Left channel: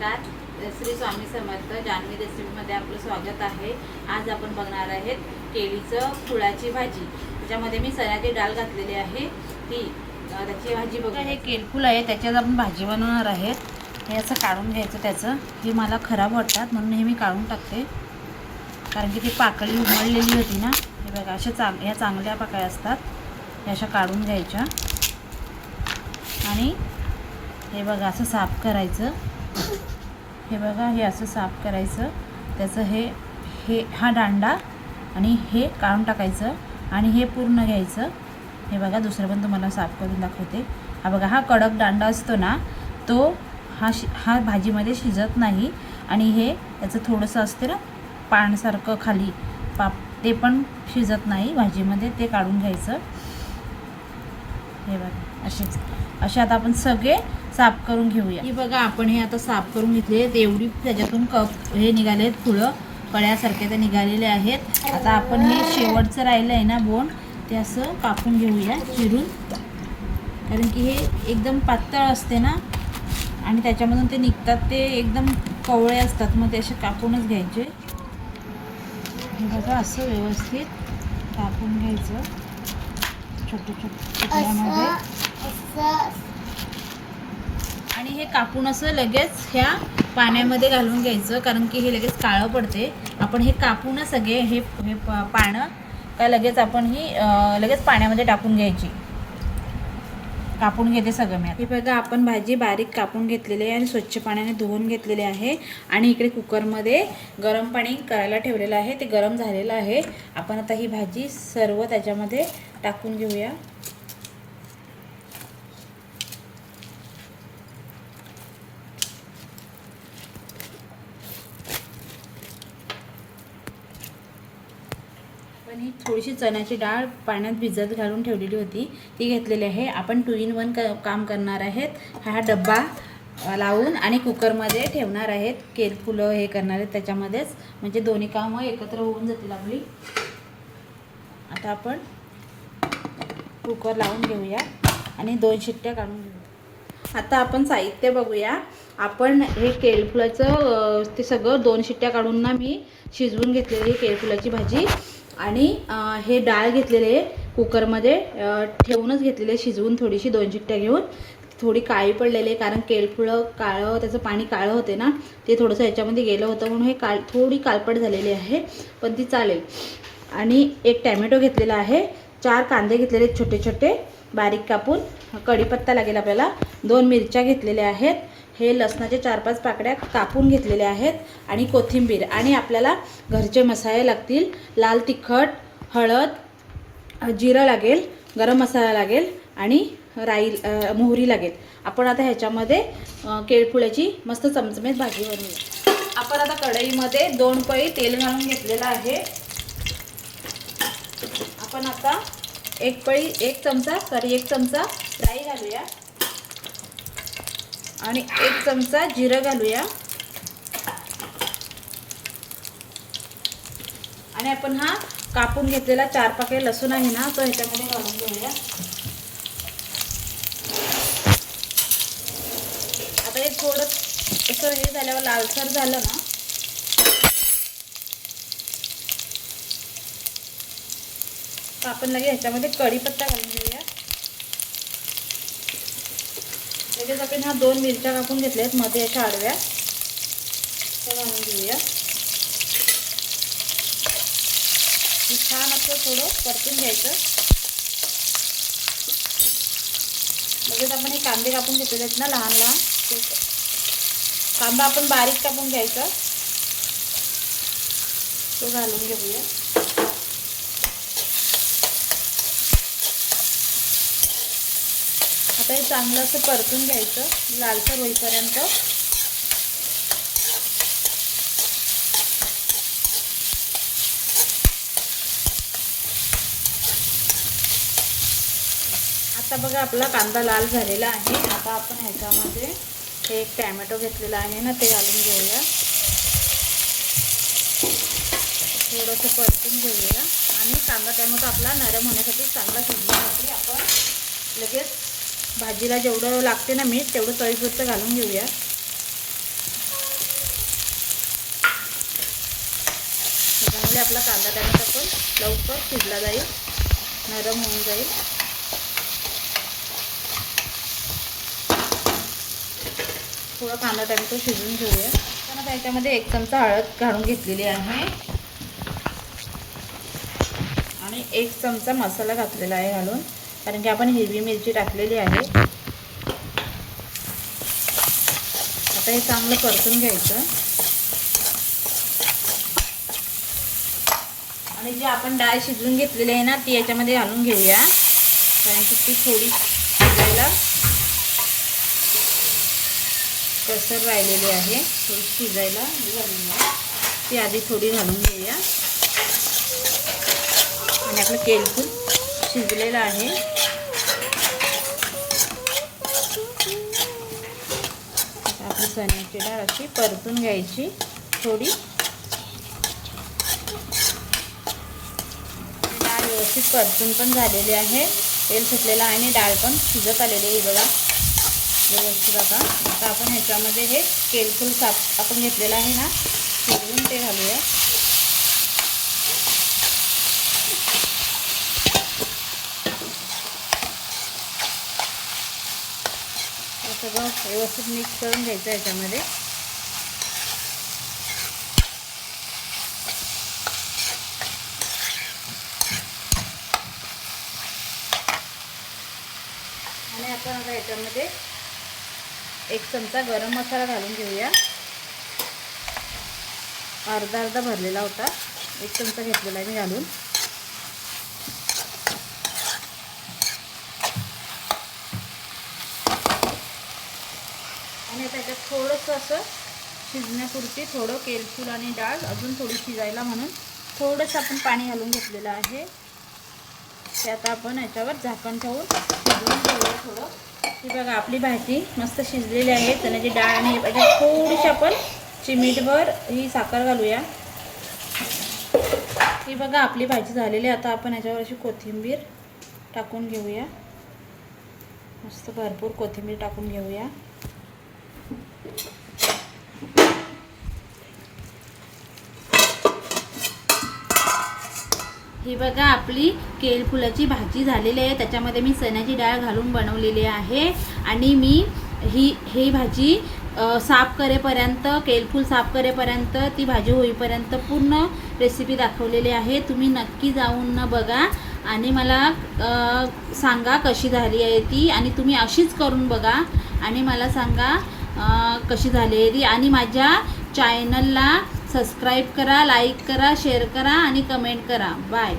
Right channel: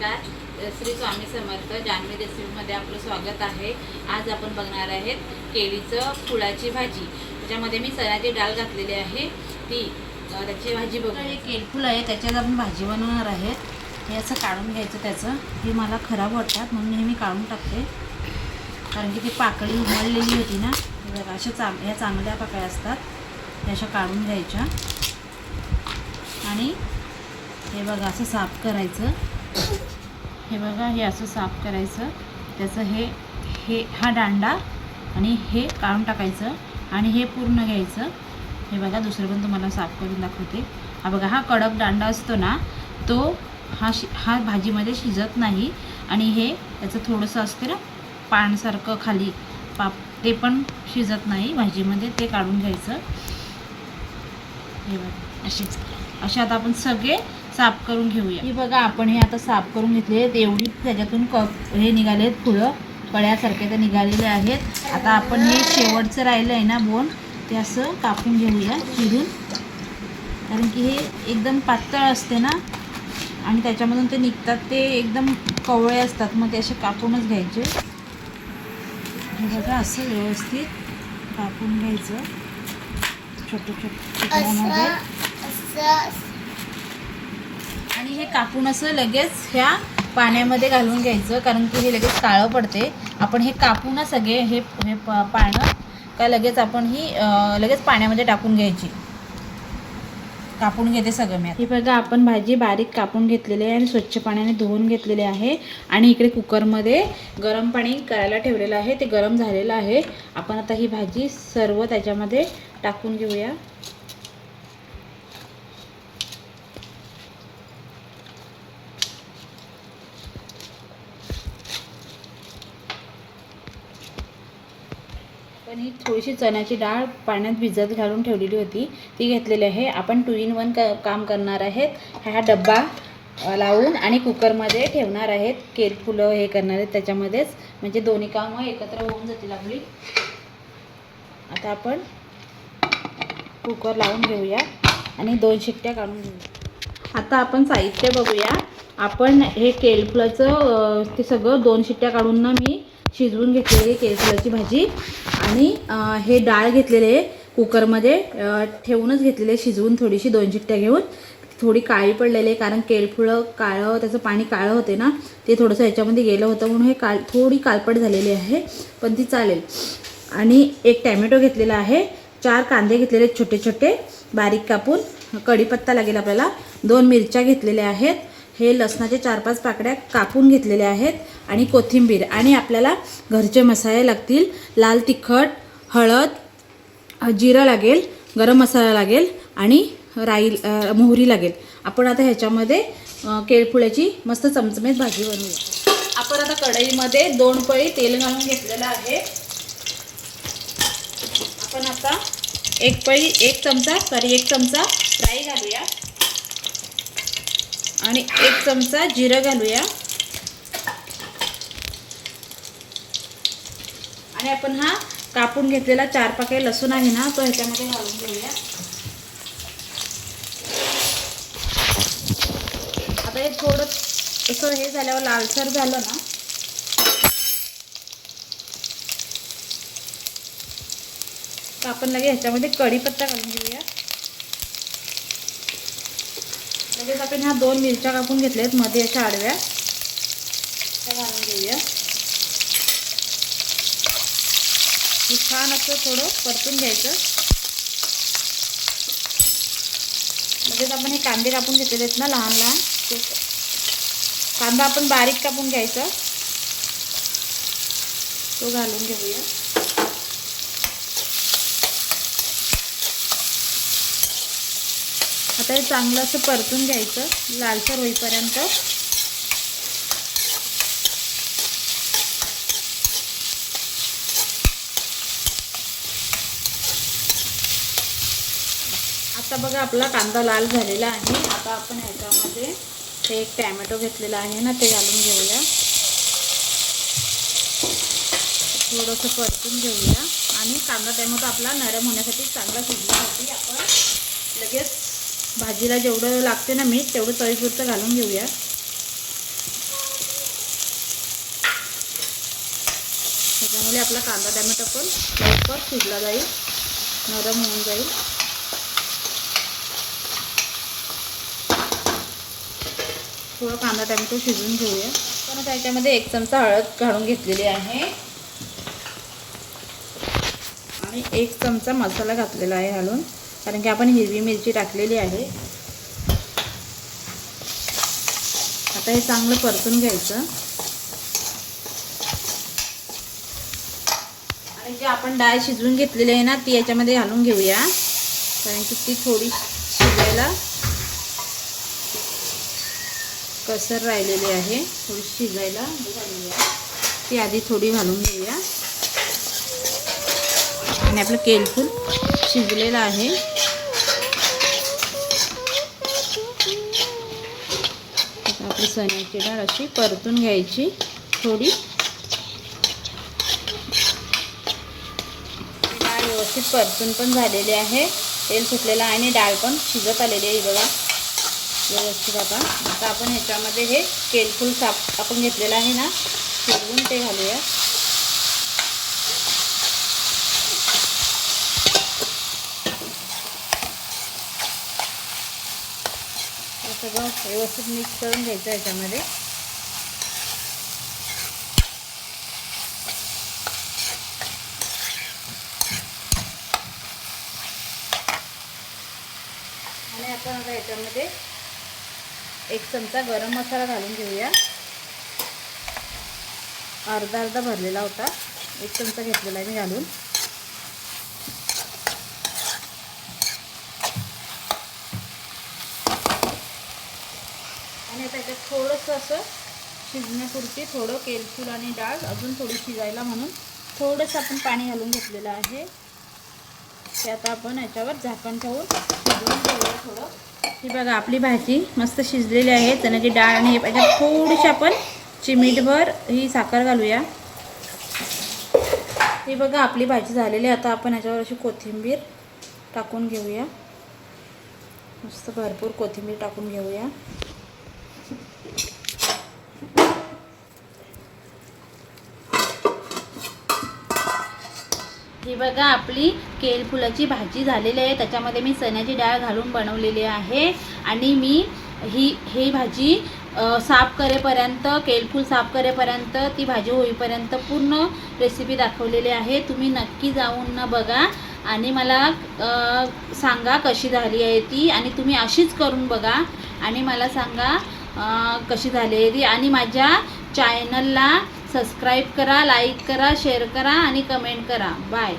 नमस्कार. श्री स्वामी समर्थ. जान्हवी रेसिपीमध्ये आपलं स्वागत आहे. आज आपण बघणार आहेत केळीचं फुलाची भाजी. त्याच्यामध्ये मी चण्याची डाळ घातलेली आहे, त्याची भाजी बघू. हे केळफूल आहे, त्याच्यात आपण भाजी बनवणार आहेत. हे असं काढून घ्यायचं. त्याचं हे मला खराब वाटतात म्हणून हे मी काढून टाकते, कारण की ती पाकळी उमळलेली होती ना. हे बघा, अशा ह्या चांगल्या पाकळ्या असतात, त्या अशा काढून घ्यायच्या. आणि हे बघा असं साफ करायचं. हे बघा, हे असं साफ करायचं. त्याचं हा दांडा आणि हे काढून टाकायचं आणि हे पूर्ण घ्यायचं. हे बघा, दुसरं पण तुम्हाला साफ करून दाखवते. हा बघा, हा कडक दांडा असतो ना, तो हा भाजीमध्ये शिजत नाही. आणि हे याचं थोडंसं असते ना पाण्यासारखं खाली ते पण शिजत नाही भाजीमध्ये, ते काढून घ्यायचं. हे बघा, असे आता आपण सगळे साफ करून घेऊया. ही बघा, आपण हे आता साफ करून घेतले. एवढी त्याच्यातून हे निघालेत, फुलं कळ्यासारखे ते निघालेले आहेत. आता आपण हे शेवटचं राहिलं आहे ना बोन, ते असं कापून घेऊया चिरून, कारण की हे एकदम पातळ असते ना आणि त्याच्यामधून ते निघतात, ते एकदम कवळे असतात, मग ते असे कापूनच घ्यायचे. हे बघा, असं व्यवस्थित कापून घ्यायचं छोटं छोटं तुकड्यामध्ये. आणि हे कापून असं लगेच ह्या पाण्यामध्ये घालून घ्यायचं, कारण की हे लगेच काळं पडते. आपण हे कापू ना सगळे हे पानं का लगेच आपण ही लगेच पाण्यामध्ये टाकून घ्यायची. कापून घेते सगळं मी. हे बघा, आपण भाजी बारीक कापून घेतलेली आहे आणि स्वच्छ पाण्याने धुवून घेतलेले आहे. आणि इकडे कुकरमध्ये गरम पाणी करायला ठेवलेलं आहे, ते गरम झालेलं आहे. आपण आता ही भाजी सर्व त्याच्यामध्ये टाकून घेऊया. पण ही थोडीशी चण्याची डाळ पाण्यात भिजत घालून ठेवलेली होती, ती घेतलेली आहे. आपण 2 in 1 काम करणार आहेत. हा डब्बा लावून आणि कुकरमध्ये ठेवणार आहेत. केळफुलं हे करणार आहेत त्याच्यामध्येच, म्हणजे दोन्ही कामं एकत्र होऊन जातील आपली. आता आपण कुकर लावून घेऊया आणि 2 शिट्ट्या काढून घेऊया. आता आपण साहित्य बघूया. आपण हे केळफुलाचं ते सगळं 2 शिट्ट्या काढून ना मी शिजवून घेतलेली केळफुलाची भाजी. आणि हे डाळ घेतलेले कुकरमध्ये ठेवूनच घेतलेले शिजवून, थोडीशी 2 शिट्ट्या घेऊन. थोडी काळी पडलेली आहे, कारण केळफुलं काळं, त्याचं पाणी काळं होते ना, ते थोडंसं ह्याच्यामध्ये गेलं होतं, म्हणून हे थोडी काळपट झालेली आहे, पण ती चालेल. आणि 1 टॅमॅटो घेतलेला आहे. 4 कांदे घेतलेले छोटे छोटे बारीक कापून. कढीपत्ता लागेल आपल्याला. 2 मिरच्या घेतलेल्या आहेत. हे लसणाचे 4-5 पाकड्या कापून घेतलेल्या आहेत. आणि कोथिंबीर. आणि आपल्याला घरचे मसाले लागतील. लाल तिखट, हळद, जिरं लागेल, गरम मसाला लागेल आणि मोहरी लागेल. आपण आता ह्याच्यामध्ये केळफुलाची मस्त चमचमीत भाजी बनवूया. आपण आता कढईमध्ये 2 पळी तेल घालून घेतलेलं आहे. आपण आता 1 चमचा राई घालूया आणि 1 चमचा जिरं घालूया. आणि आपण हा कापून घेतलेला 4 पाकळी लसूण आहे ना, तो ह्याच्यामध्ये घालून घेऊया. आता हे थोडं असं हे झाल्यावर लालसर झालं ना, तर आपण लगेच ह्याच्यामध्ये कढीपत्ता घालून घेऊया. लगेच आपण ह्या 2 मिरच्या कापून घेतल्यात मध्ये अशा आडव्या, त्या घालून घेऊया. हे छान असं थोडं परतून घ्यायचं. लगेच आपण हे कांदे कापून घेतलेले आहेत ना लहान लहान, कांदा आपण बारीक कापून घ्यायचा, तो घालून घेऊया. आता हे चांगलं असं परतून घ्यायचं लालसर होईपर्यंत. आता बघा, आपला कांदा लाल झालेला आहे. आता आपण ह्याच्यामध्ये हे 1 टॅमॅटो घेतलेला आहे ना, ते घालून घेऊया. थोडंसं परतून घेऊया. आणि कांदा टॅमॅटो आपला नरम होण्यासाठी, चांगला शिजण्यासाठी आपण लगेच भाजीला जेवढं लागते ना मीठ, तेवढं चवीपुरतं घालून घेऊया. त्यामुळे आपला कांदा टॅमॅटो पण लवकर शिजला जाईल, नरम होऊन जाईल. थोडा कांदा टॅमॅटो शिजवून घेऊया. तर त्याच्यामध्ये 1 चमचा हळद घालून घेतलेली आहे आणि 1 चमचा मसाला घातलेला आहे घालून, कारण की आपण हिरवी मिरची टाकलेली आहे. आता हे चांगलं परतून घ्यायचं आणि जी आपण डाळ शिजवून घेतलेली आहे ना ती याच्यामध्ये घालून घेऊया, कारण की ती थोडी शिजायला कसर राहिलेली आहे, थोडी शिजायला घालूया. ती आधी थोडी घालून घेऊया आणि आपलं केलफूल शिजलेलं आहे. आपली चण्याची डाळ अशी परतून घ्यायची थोडी. डाळ व्यवस्थित परतून पण झालेली आहे, तेल सुटलेलं आहे आणि डाळ पण शिजत आलेली आहे बघा व्यवस्थित. आता आपण ह्याच्यामध्ये हे केलफूल साफ आपण घेतलेलं आहे ना शिजवून ते घालूया. सगळं व्यवस्थित मिक्स करून घ्यायचं याच्यामध्ये. आणि आपण आता याच्यामध्ये 1 चमचा गरम मसाला घालून घेऊया. अर्धा भरलेला होता, 1 चमचा घेतलेला आहे घालून. आणि आता याच्यात थोडंसं असं शिजण्यापुरती थोडं केलफूल आणि डाळ अजून थोडी शिजायला म्हणून थोडंसं आपण पाणी घालून घेतलेलं आहे. ते आता आपण याच्यावर झाकण ठेवून शिजवून घेऊया थोडं. ही बघा आपली भाजी मस्त शिजलेली आहे. चण्याची डाळ आणि हे याच्यात थोडीशी आपण चिमीटभर ही साखर घालूया. ही बघा आपली भाजी झालेली आहे. आता आपण याच्यावर अशी कोथिंबीर टाकून घेऊया, मस्त भरपूर कोथिंबीर टाकून घेऊया. ही बघा आपली केळफुलाची भाजी झालेली आहे. त्याच्यामध्ये मी चण्याची डाळ घालून बनवलेली आहे आणि मी ही भाजी साफ करेपर्यंत, केळफूल साफ करेपर्यंत, ती भाजी होईपर्यंत पूर्ण रेसिपी दाखवलेली आहे. तुम्ही नक्की जाऊन बघा आणि मला सांगा कशी झाली आहे ती. आणि तुम्ही अशीच करून बघा आणि मला सांगा कशी झाली आहे ती. आणि माझ्या चॅनलला सबस्क्राईब करा, लाईक करा, शेअर करा आणि कमेंट करा. बाय.